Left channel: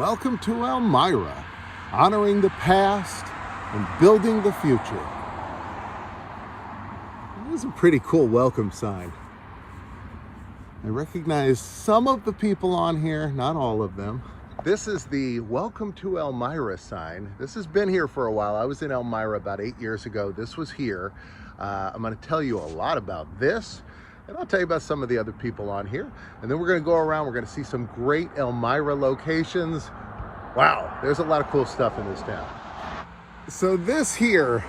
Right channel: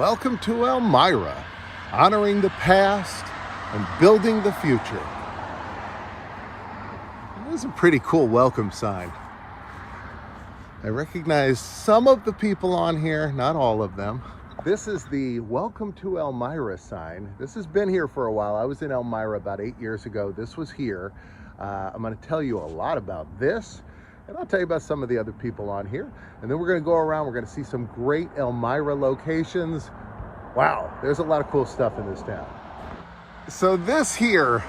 Welcome to Elmira, honoring the past and building the future. This is a pretty cool welcome sign. I recognize some of the people on here, not all of them. This is the Welcome to Elmira sign. This has been here for a while. I was in Elmira about 8 years ago. This was here. I'm going to tell you a lot about this, and I'll tell you about some of the other people on here. And then we're going to go around. We're going to see some great Elmira locations. Wow, there's a lot of cool stuff in this town. So this here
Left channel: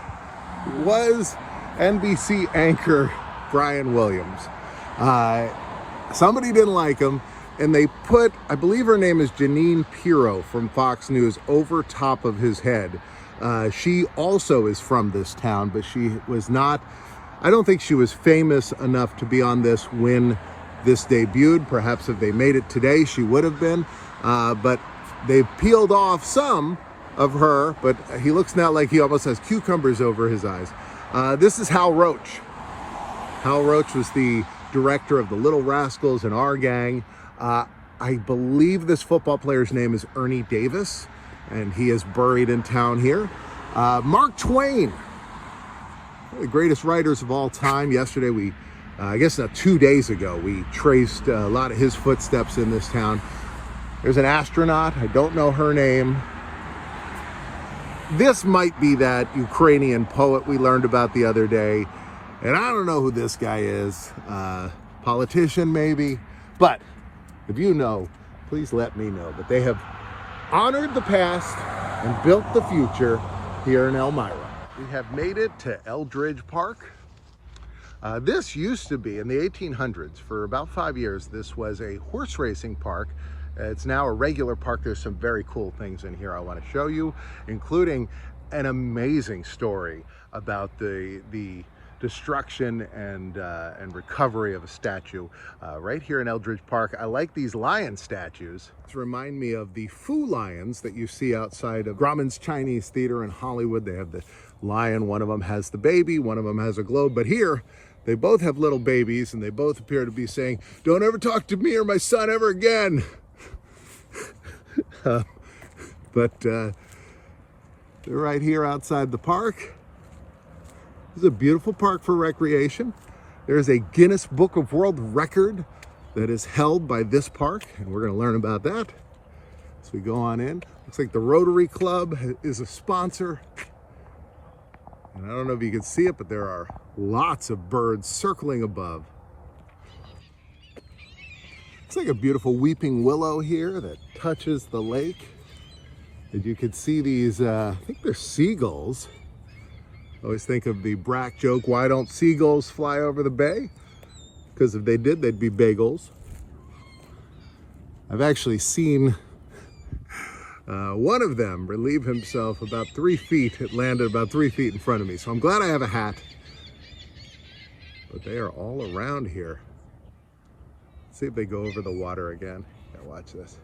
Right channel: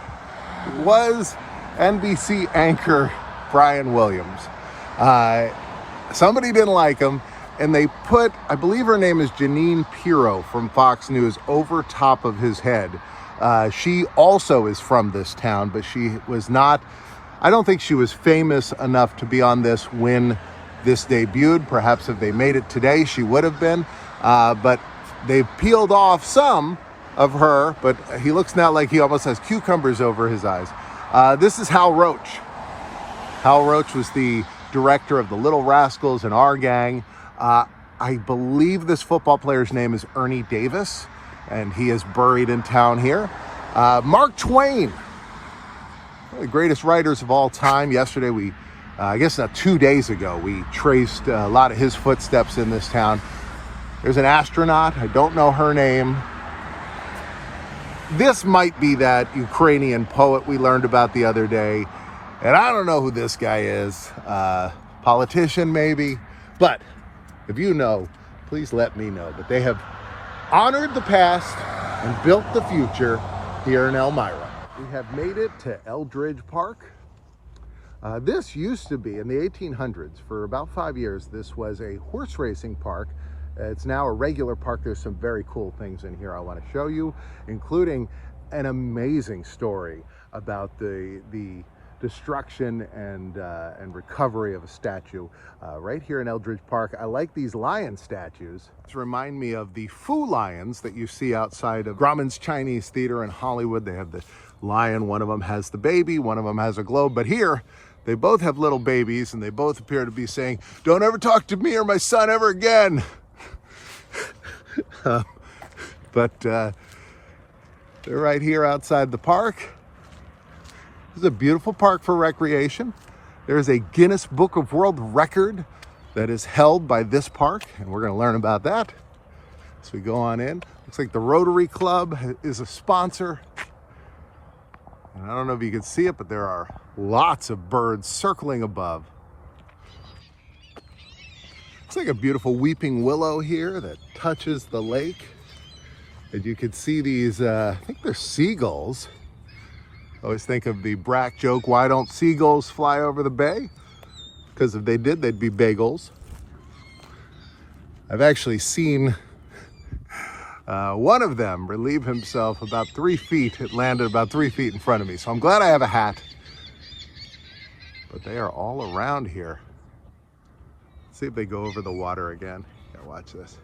was NBC anchor Brian Williams. Somebody didn't like him, and they put, I believe her name is Janine Pirro from Fox News, over top of his head. She also is from this town, but she was not, I don't think she was famous enough to be on this when this debuted. Perhaps if they made it today, she would have been. But they've peeled off some of her, but he looks now like he almost has cucumbers over his eyes. This is Hal Roach. Hal Roach was the director of the Little Rascals and Our Gang. I believe this football player's name is Ernie Davis, and he is buried in town here. Mark Twain, one of the greatest writers of all time. Yesterday I guess not 2 days ago, we traced a lot of his footsteps in this town. There's an astronaut, I don't know her name. This might be that Ukrainian poet we learned about the other day, and I don't know who this guy is. Politician maybe, but if you know, please let me know. But they have honored the past and built the future here in Elmira. We have made it to Eldridge Park. This used to be, in the 1800s, for about 5 years, this was a horse racing park. It's now a regular park. There's some very cool things in here I want to show you, including an amazing story about the destruction and recovery of a statue right here in Eldridge Park. I like these lion statues. These remind me of the Fu lions that you see outside of Grauman's Chinese Theater in Hollywood. They have the lion, one of them has the baby, one of them has a globe, but here they both have little babies, and they both appear to be saying, "Don't ever talk to me or my son ever again." But they're right here outside the park. This is a beautiful park for recreation. There is a Guinness Book of World Record that is held by this park, and we're going to learn about that as we go on in. Looks like the Rotary Club is a sponsor. And I don't know if you can see it, but there are lots of birds circling above. Looks like a beautiful weeping willow here that touches the lake. And you can see these, I think they're seagulls. I always think of the Brack joke, why don't seagulls fly over the bay? Because if they did, they'd be bagels. I've actually seen one of them relieve himself about 3 feet. It landed about 3 feet in front of me. So I'm glad I have a hat. But they are all around here. Let's see if they go over the water again. Yeah, watch this.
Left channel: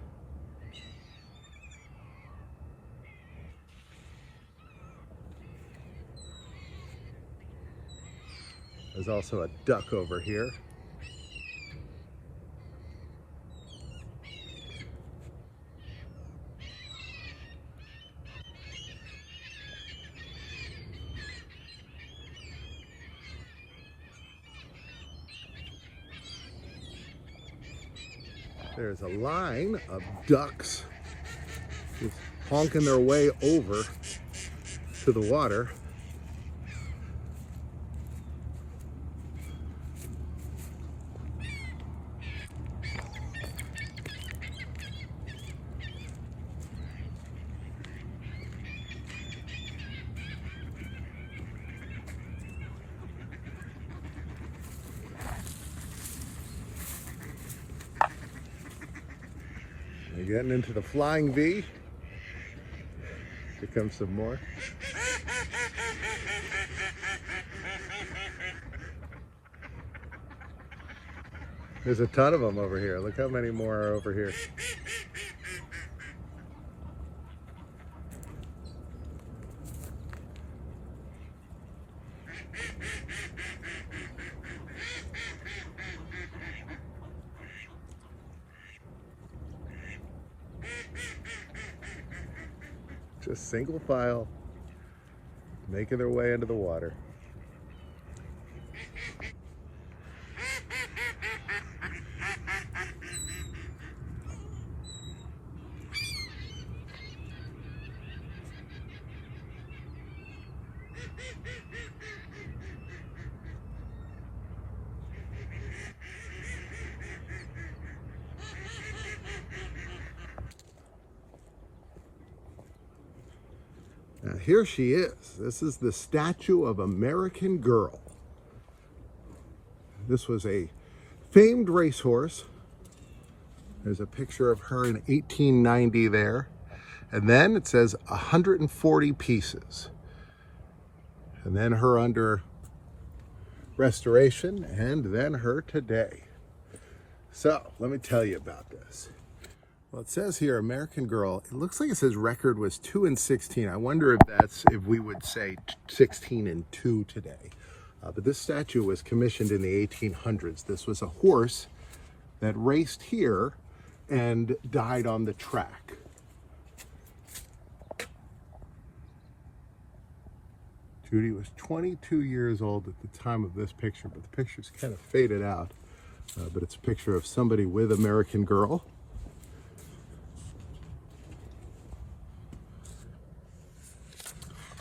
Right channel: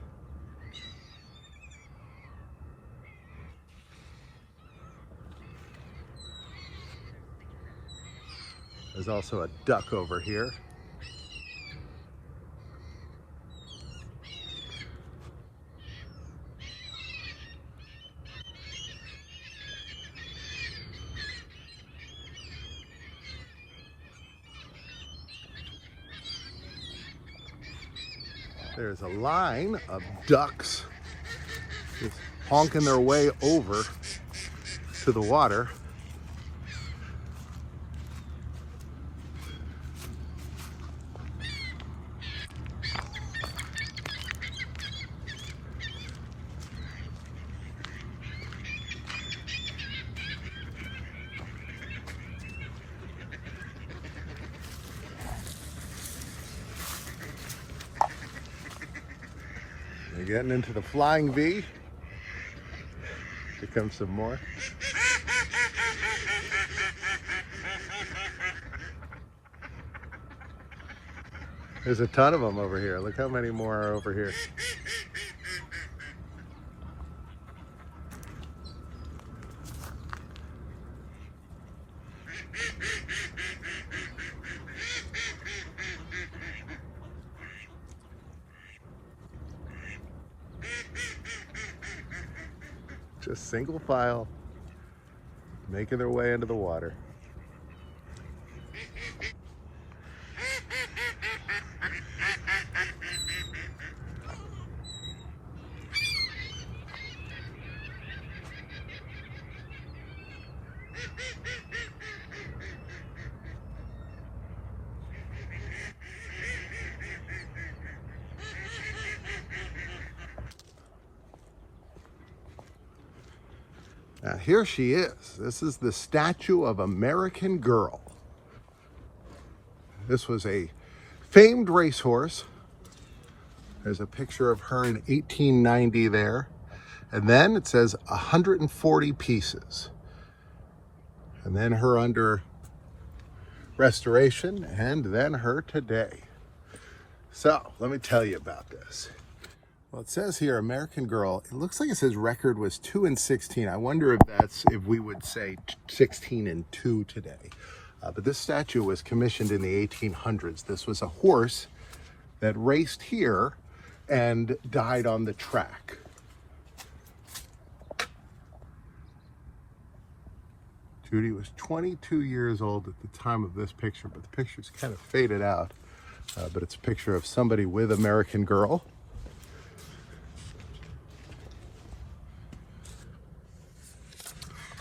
There's also a duck over here. There's a line of ducks just honking their way over to the water. They're getting into the flying V. Here comes some more. There's a ton of them over here. Look how many more are over here. Just single file, making their way into the water. Now here she is. This is the statue of American Girl. This was a famed racehorse. There's a picture of her in 1890 there. And then it says 140 pieces. And then her under restoration, and then her today. So let me tell you about this. Well, it says here, American Girl. It looks like it says record was 2 and 16. I wonder if we would say 16 and 2 today. But this statue was commissioned in the 1800s. This was a horse that raced here and died on the track. Judy was 22 years old at the time of this picture, but the picture's kind of faded out. But it's a picture of somebody with American Girl.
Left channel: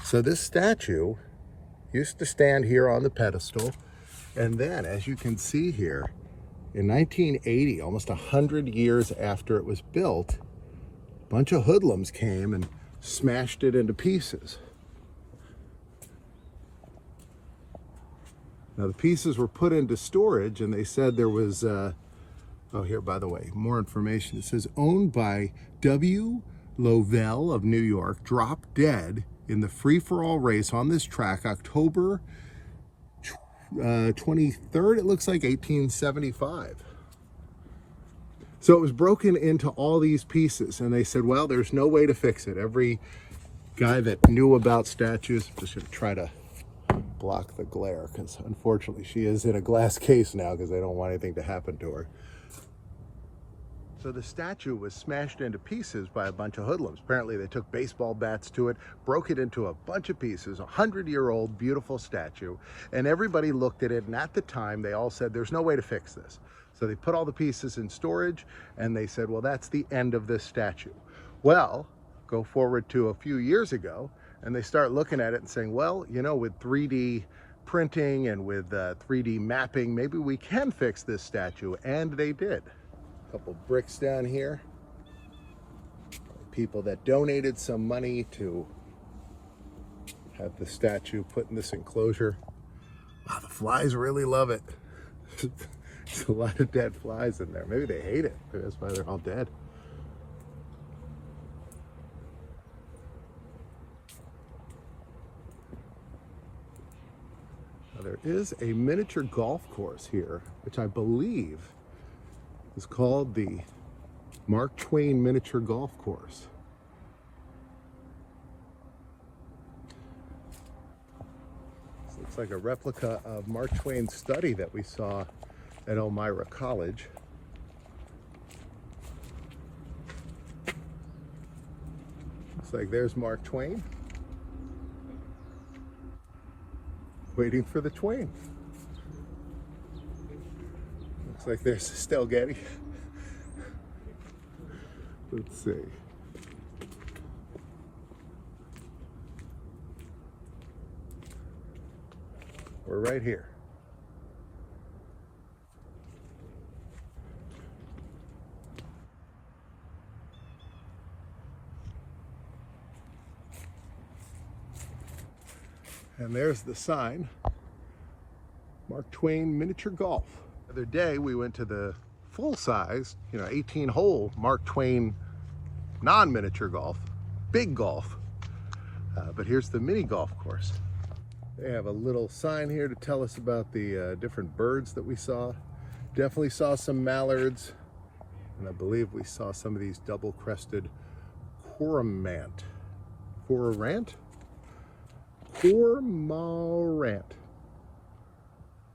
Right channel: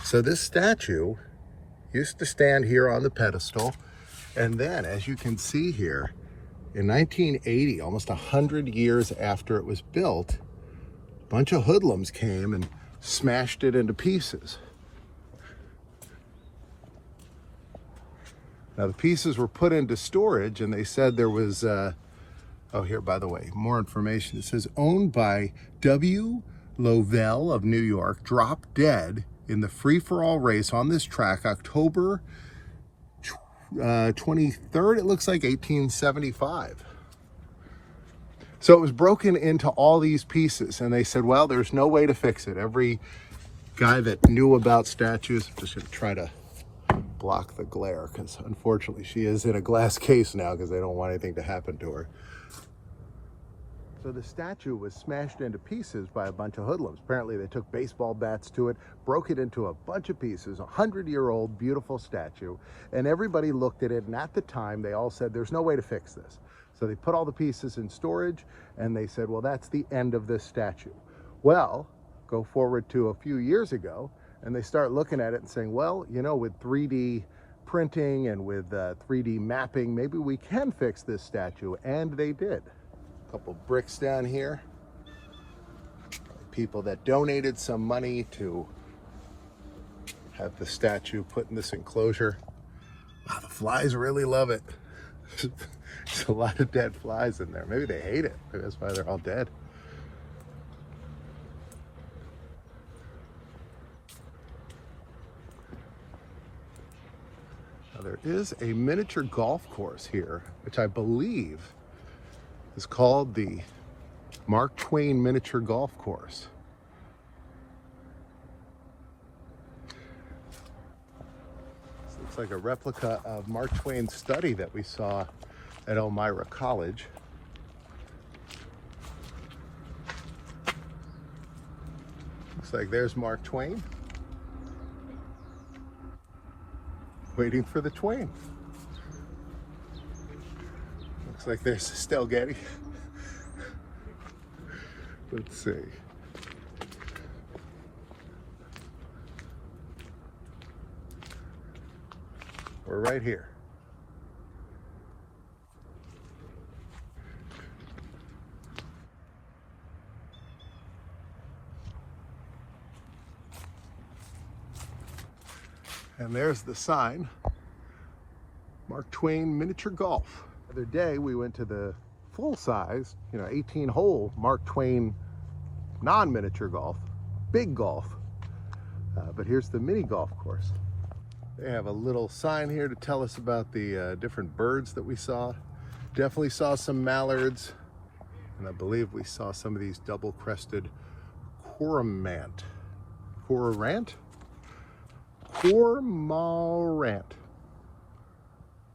So this statue used to stand here on the pedestal, and then, as you can see here, in 1980, almost 100 years after it was built, a bunch of hoodlums came and smashed it into pieces. Now the pieces were put into storage, and they said there was, oh here, by the way, more information. It says owned by W. Lovell of New York, dropped dead in the free-for-all race on this track, October 23rd, it looks like 1875. So it was broken into all these pieces, and they said, well, there's no way to fix it. Every guy that knew about statues, I'm just gonna try to block the glare, because unfortunately she is in a glass case now because they don't want anything to happen to her. So the statue was smashed into pieces by a bunch of hoodlums. Apparently they took baseball bats to it, broke it into a bunch of pieces, 100-year-old beautiful statue, and everybody looked at it, and at the time they all said there's no way to fix this. So they put all the pieces in storage, and they said, well, that's the end of this statue. Well, go forward to a few years ago, and they start looking at it and saying, well, you know, with 3D printing and with 3D mapping, maybe we can fix this statue, and they did. Couple bricks down here. People that donated some money to have the statue put in this enclosure. Wow, the flies really love it. There's a lot of dead flies in there. Maybe they hate it. Maybe that's why they're all dead. Now, there is a miniature golf course here, which I believe is called the Mark Twain Miniature Golf Course. This looks like a replica of Mark Twain's study that we saw at Elmira College. Looks like there's Mark Twain, waiting for the Twain. Looks like there's Estelle Getty. Let's see. We're right here. And there's the sign, Mark Twain Miniature Golf. The other day we went to the full-size, 18-hole Mark Twain non-miniature golf, big golf. But here's the mini golf course. They have a little sign here to tell us about the different birds that we saw. Definitely saw some mallards, and I believe we saw some of these double-crested cormorant.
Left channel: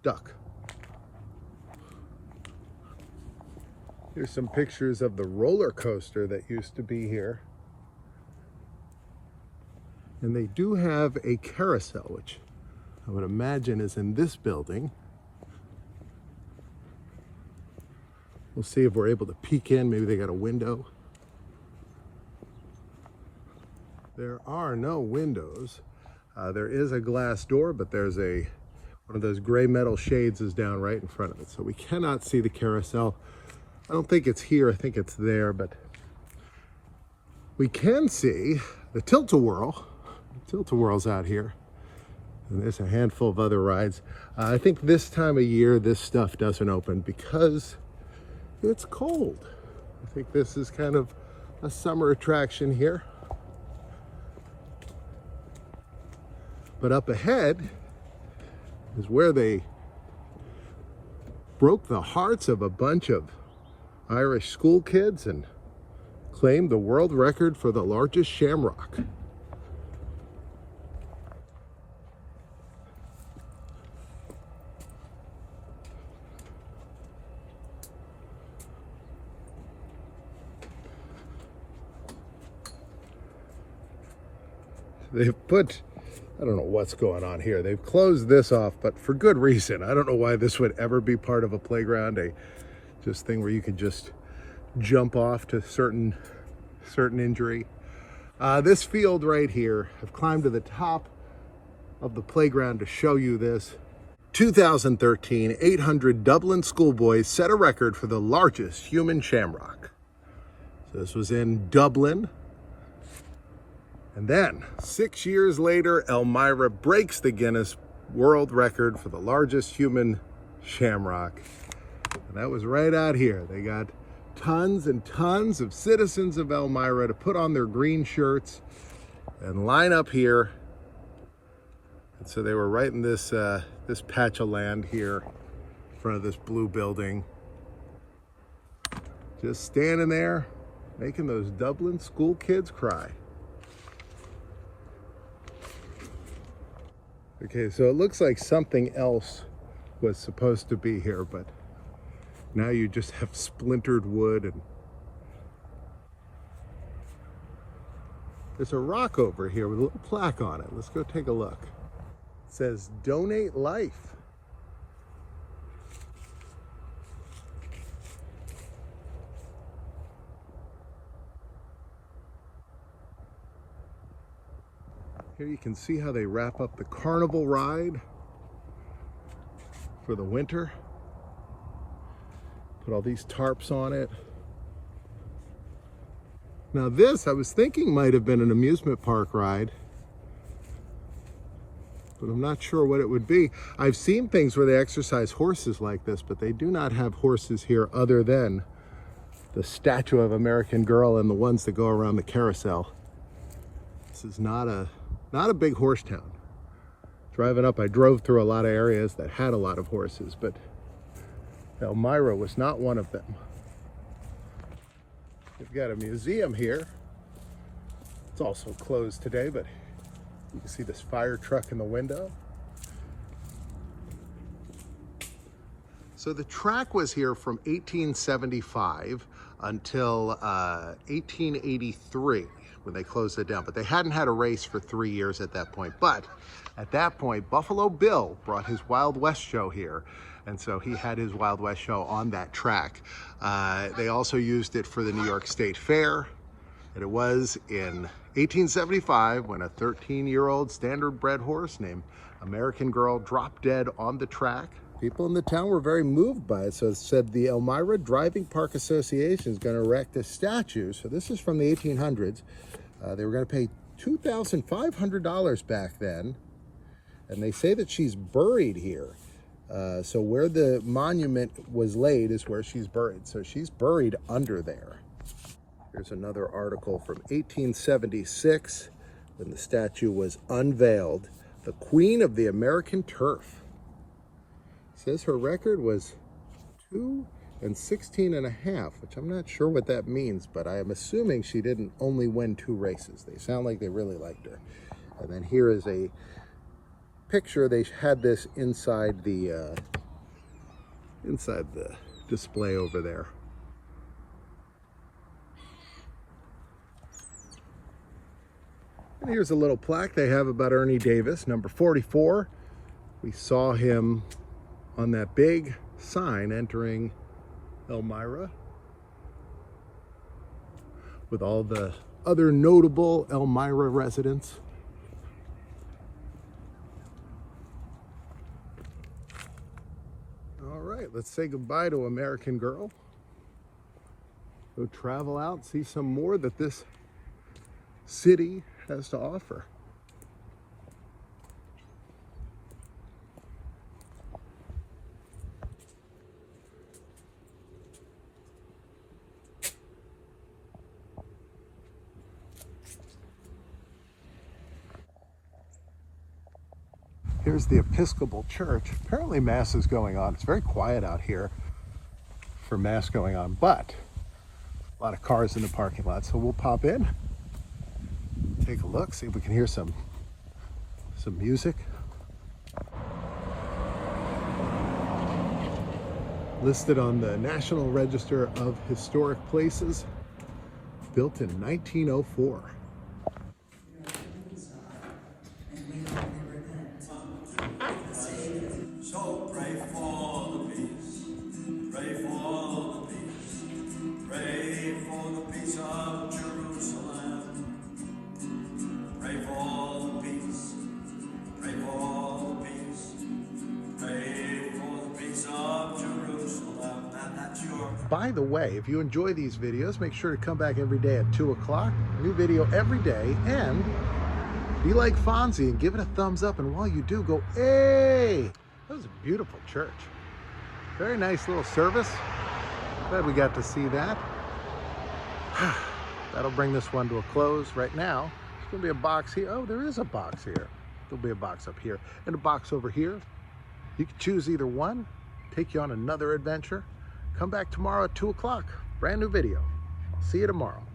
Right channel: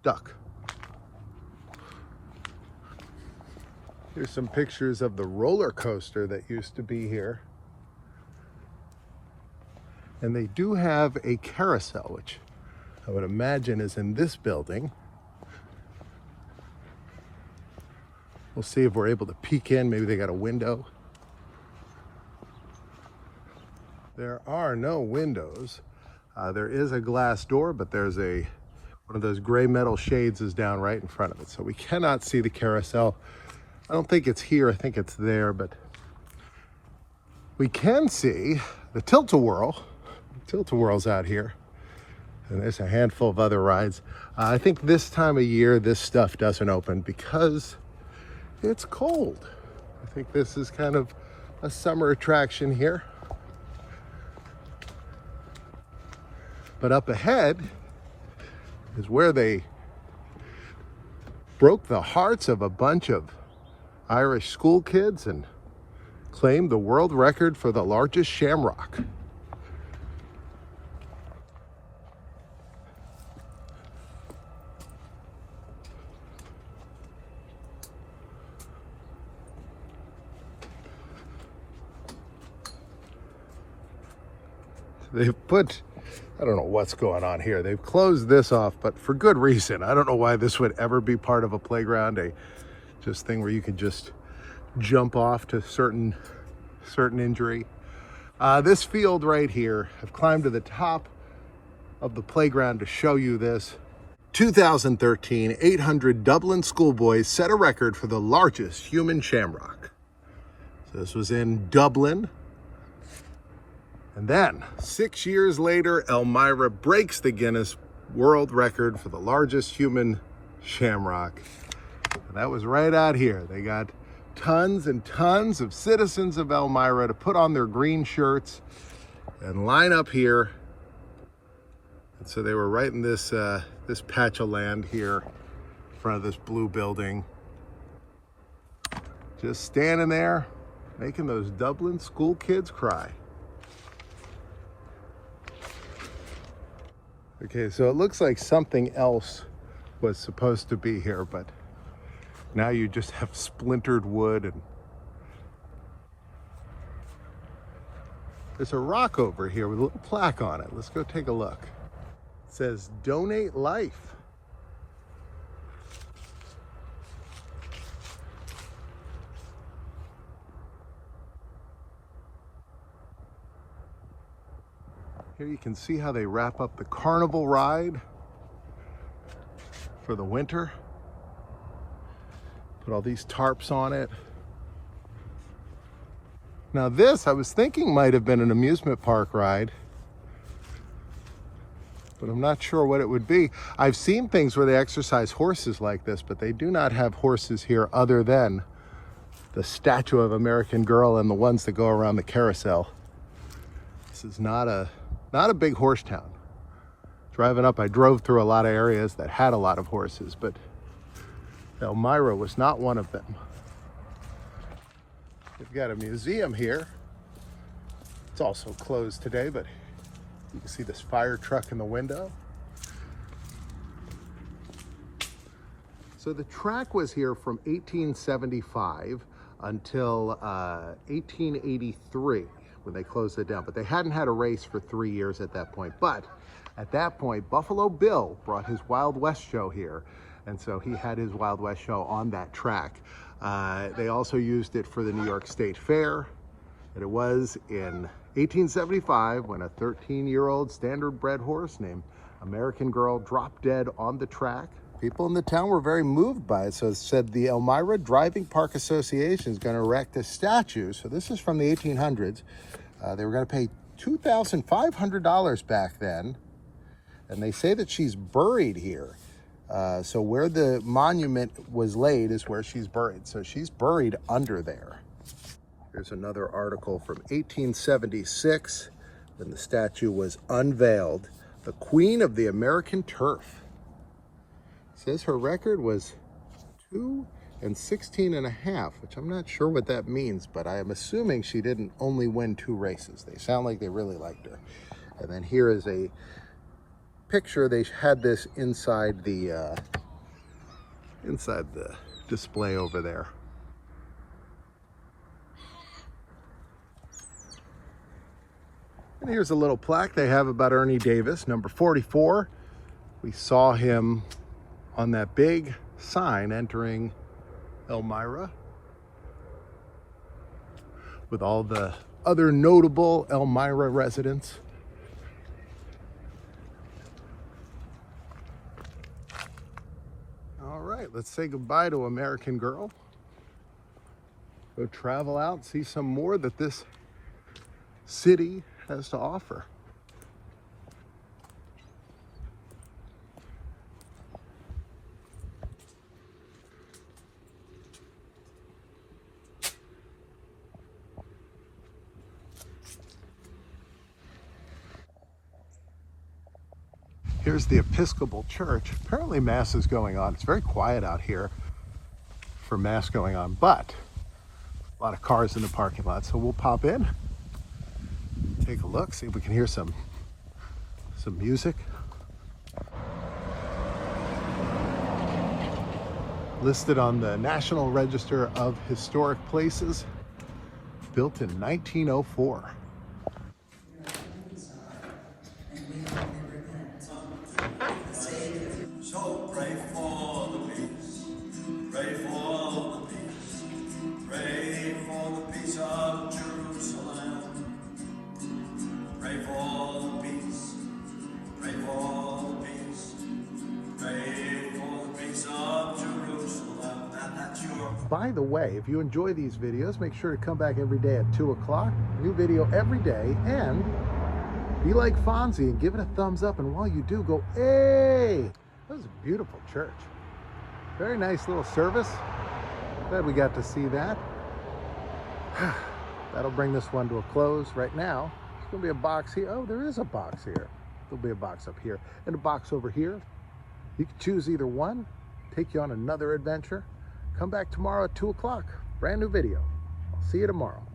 Duck. Here's some pictures of the roller coaster that used to be here. And they do have a carousel, which I would imagine is in this building. We'll see if we're able to peek in. Maybe they got a window. There are no windows. There is a glass door, but there's one of those gray metal shades is down right in front of it. So we cannot see the carousel. I don't think it's here, I think it's there, but we can see the tilt-a-whirl. Tilt-a-whirl's out here. And there's a handful of other rides. I think this time of year, this stuff doesn't open because it's cold. I think this is kind of a summer attraction here. But up ahead is where they broke the hearts of a bunch of Irish school kids and claimed the world record for the largest shamrock. They've put, I don't know what's going on here. They've closed this off, but for good reason. I don't know why this would ever be part of a playground, just thing where you could just jump off to certain injury. This field right here, I've climbed to the top of the playground to show you this. 2013, 800 Dublin schoolboys set a record for the largest human shamrock. So this was in Dublin. And then, 6 years later, Elmira breaks the Guinness World Record for the largest human shamrock. And that was right out here. They got tons and tons of citizens of Elmira to put on their green shirts and line up here. And so they were right in this patch of land here in front of this blue building. Just standing there, making those Dublin school kids cry. Okay, so it looks like something else was supposed to be here, but now you just have splintered wood, and there's a rock over here with a little plaque on it. Let's go take a look. It says, "Donate life." Here you can see how they wrap up the carnival ride for the winter. Put all these tarps on it. Now this, I was thinking might have been an amusement park ride, but I'm not sure what it would be. I've seen things where they exercise horses like this, but they do not have horses here other than the statue of American Girl and the ones that go around the carousel. This is not a big horse town. Driving up, I drove through a lot of areas that had a lot of horses, but Elmira was not one of them. We've got a museum here. It's also closed today, but you can see this fire truck in the window. So the track was here from 1875 until 1883. When they closed it down, but they hadn't had a race for 3 years at that point. But at that point, Buffalo Bill brought his Wild West show here, and so he had his Wild West show on that track. They also used it for the New York State Fair, and it was in 1875 when a 13-year-old standard-bred horse named American Girl dropped dead on the track. People in the town were very moved by it, so it said the Elmira Driving Park Association is going to erect a statue. So this is from the 1800s. They were going to pay $2,500 back then, and they say that she's buried here. So where the monument was laid is where she's buried. So she's buried under there. There's another article from 1876 when the statue was unveiled. The Queen of the American Turf. Says her record was 2 and 16.5, which I'm not sure what that means, but I am assuming she didn't only win 2 races. They sound like they really liked her. And then here is a picture. They had this inside the display over there. And here's a little plaque they have about Ernie Davis, number 44. We saw him on that big sign entering Elmira with all the other notable Elmira residents. All right, let's say goodbye to American Girl. Go travel out, see some more that this city has to offer. Here's the Episcopal Church. Apparently Mass is going on. It's very quiet out here for Mass going on, but a lot of cars in the parking lot. So we'll pop in, take a look, see if we can hear some music. Listed on the National Register of Historic Places, built in 1904. So pray for the peace, pray for the peace, pray for the peace of Jerusalem. Pray for the peace, pray for the peace, pray for the peace of Jerusalem. That's your... By the way, if you enjoy these videos, make sure to come back every day at 2 o'clock. New video every day, and be like Fonzie and give it a thumbs up. And while you do, go, hey! That was a beautiful church. Very nice little service. Glad we got to see that. That'll bring this one to a close right now. There's gonna be a box here. Oh, there is a box here. There'll be a box up here and a box over here. You can choose either one, take you on another adventure. Come back tomorrow at 2 o'clock. Brand new video. I'll see you tomorrow.